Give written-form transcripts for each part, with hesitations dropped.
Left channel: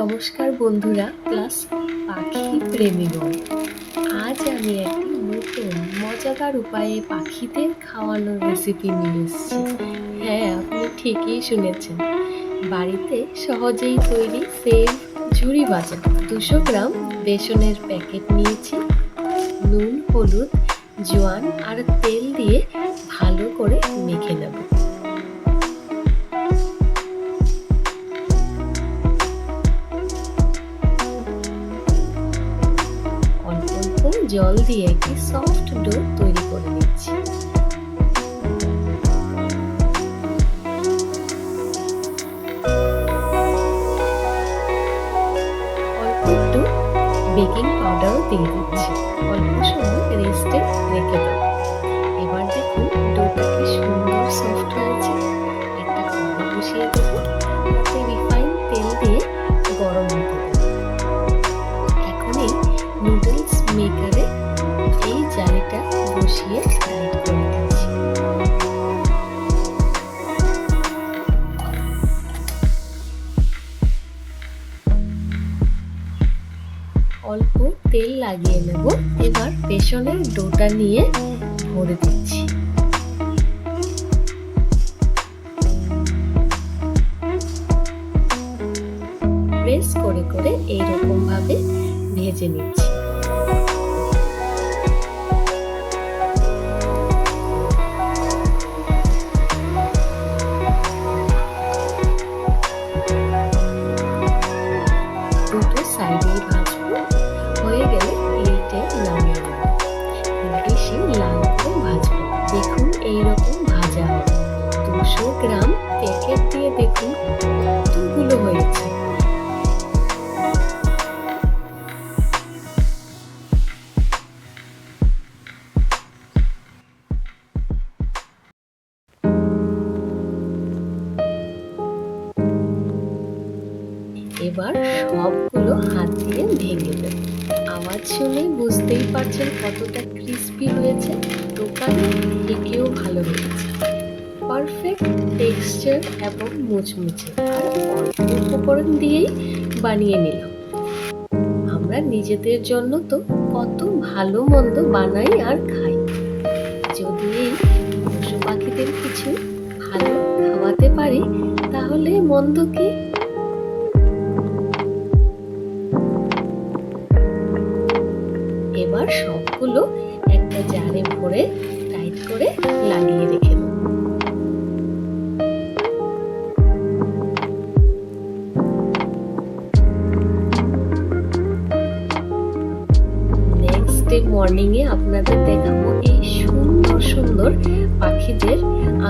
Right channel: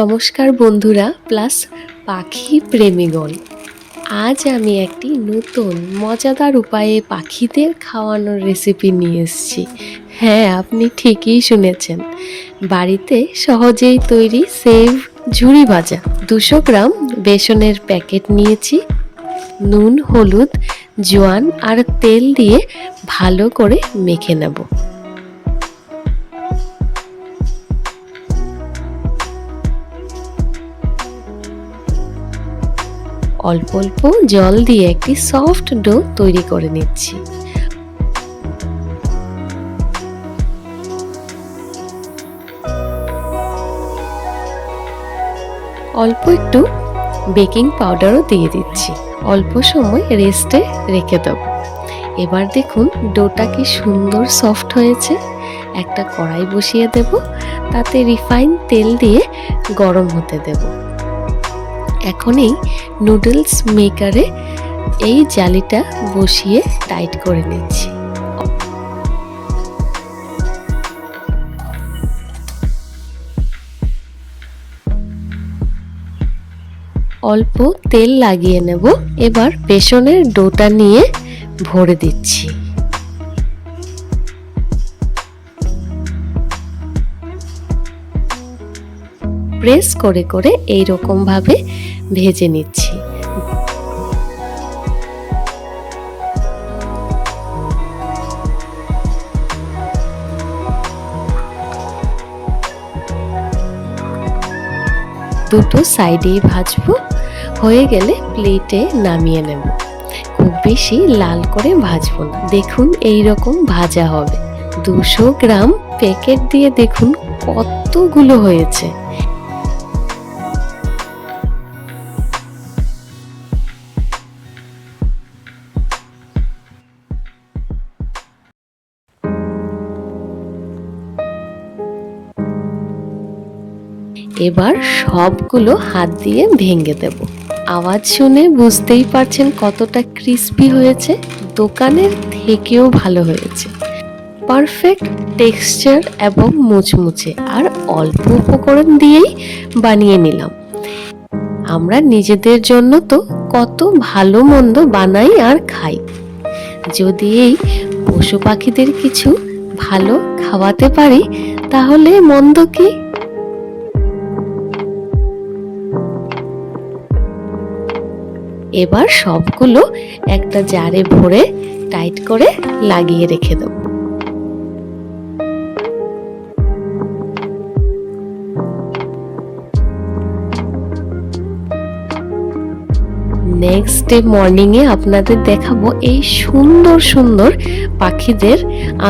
নমস্কার বন্ধুরা প্লাস পাখি প্রেমীগণ। আজ আমি একটি নতুন মজাদার উপায়ে পাখিদের খাওয়ানোর রেসিপি নিয়ে এসেছি। হ্যাঁ, আপনি ঠিকই শুনেছেন, বাড়িতে সহজেই তৈরি সেভ ঝুরি ভাজা। 200 গ্রাম বেসনের প্যাকেট নিয়েছি। নুন, হলুদ, জোয়ান আর তেল দিয়ে ভালো করে মেখে নেব। অল্প অল্প জল দিয়ে একটি সফট ডো তৈরি করে নিচ্ছি। অল্প একটু বেকিং পাউডারও দিয়ে দিচ্ছি। অল্প সময় রেস্টে রেখে দেব। এবার দেখুন ডোটা কি সুন্দর সফট হয়েছে। একটা কড়াই বসিয়ে দেব, তাতে রিফাইন তেল দিয়ে গরম হতে দেব। এখন এই নুডলস মেকারে এই জালিটা বসিয়ে টাইট করে নিচ্ছি। অল্প তেল লাগিয়ে নেব। এবার বেসনের ডোটা নিয়ে ভরে দিচ্ছি। প্রেস করে করে এই রকম ভাবে ভেজে নিচ্ছি। দুটো সাইডেই ভাজবো। হয়ে গেলে প্লেটে নামিয়ে নেব। খুব বেশি লাল করে ভাজবো না। দেখুন এই রকম ভাজা হবে। 200 গ্রাম প্যাকেট দিয়ে দেখুন কতগুলো হয়েছে। এবার সবগুলো হাত দিয়ে ভেঙে দেব। আওয়াজ শুনে বুঝতেই পারছেন কতটা ক্রিস্পি হয়েছে। দোকানের থেকেও ভালো হয়েছে। পারফেক্ট টেক্সচার এবং মুচমুচে, আর অল্প উপকরণ দিয়েই বানিয়ে নিলাম। আমরা নিজেদের জন্য তো কত ভালো মন্দ বানাই আর খাই। যদি এই পশু পাখিদের কিছু ভালো খাওয়াতে পারি তাহলে মন্দ কি। এবার সবগুলো একটা জারে ভরে টাইট করে লাগিয়ে রেখে দেব। নেক্সট ডে মর্নিং এ আপনাদের দেখাবো এই সুন্দর সুন্দর পাখিদের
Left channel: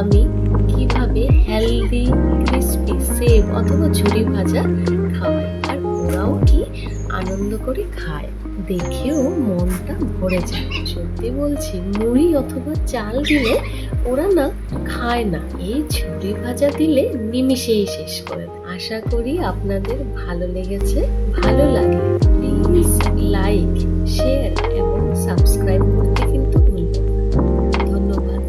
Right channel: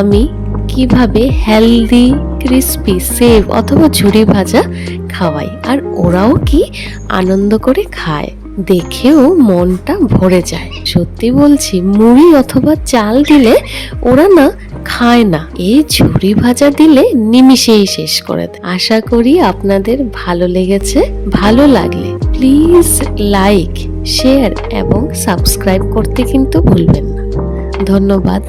আমি কিভাবে হেলদি ক্রিস্পি সেভ অথবা ঝুরি ভাজা খাওয়াই, আর ওরাও কি আনন্দ করে খায়। দেখেও মনটা ভরে যায়। সত্যি বলছি, মুড়ি অথবা চাল দিলে ওরা না খায় না। এই ঝুরি ভাজা দিলে নিমিষেই শেষ করে দেয়। আশা করি আপনাদের ভালো লেগেছে। ভালো লাগলে প্লিজ লাইক, শেয়ার এবং সাবস্ক্রাইব করতে কিন্তু ভুলবেন না। ধন্যবাদ।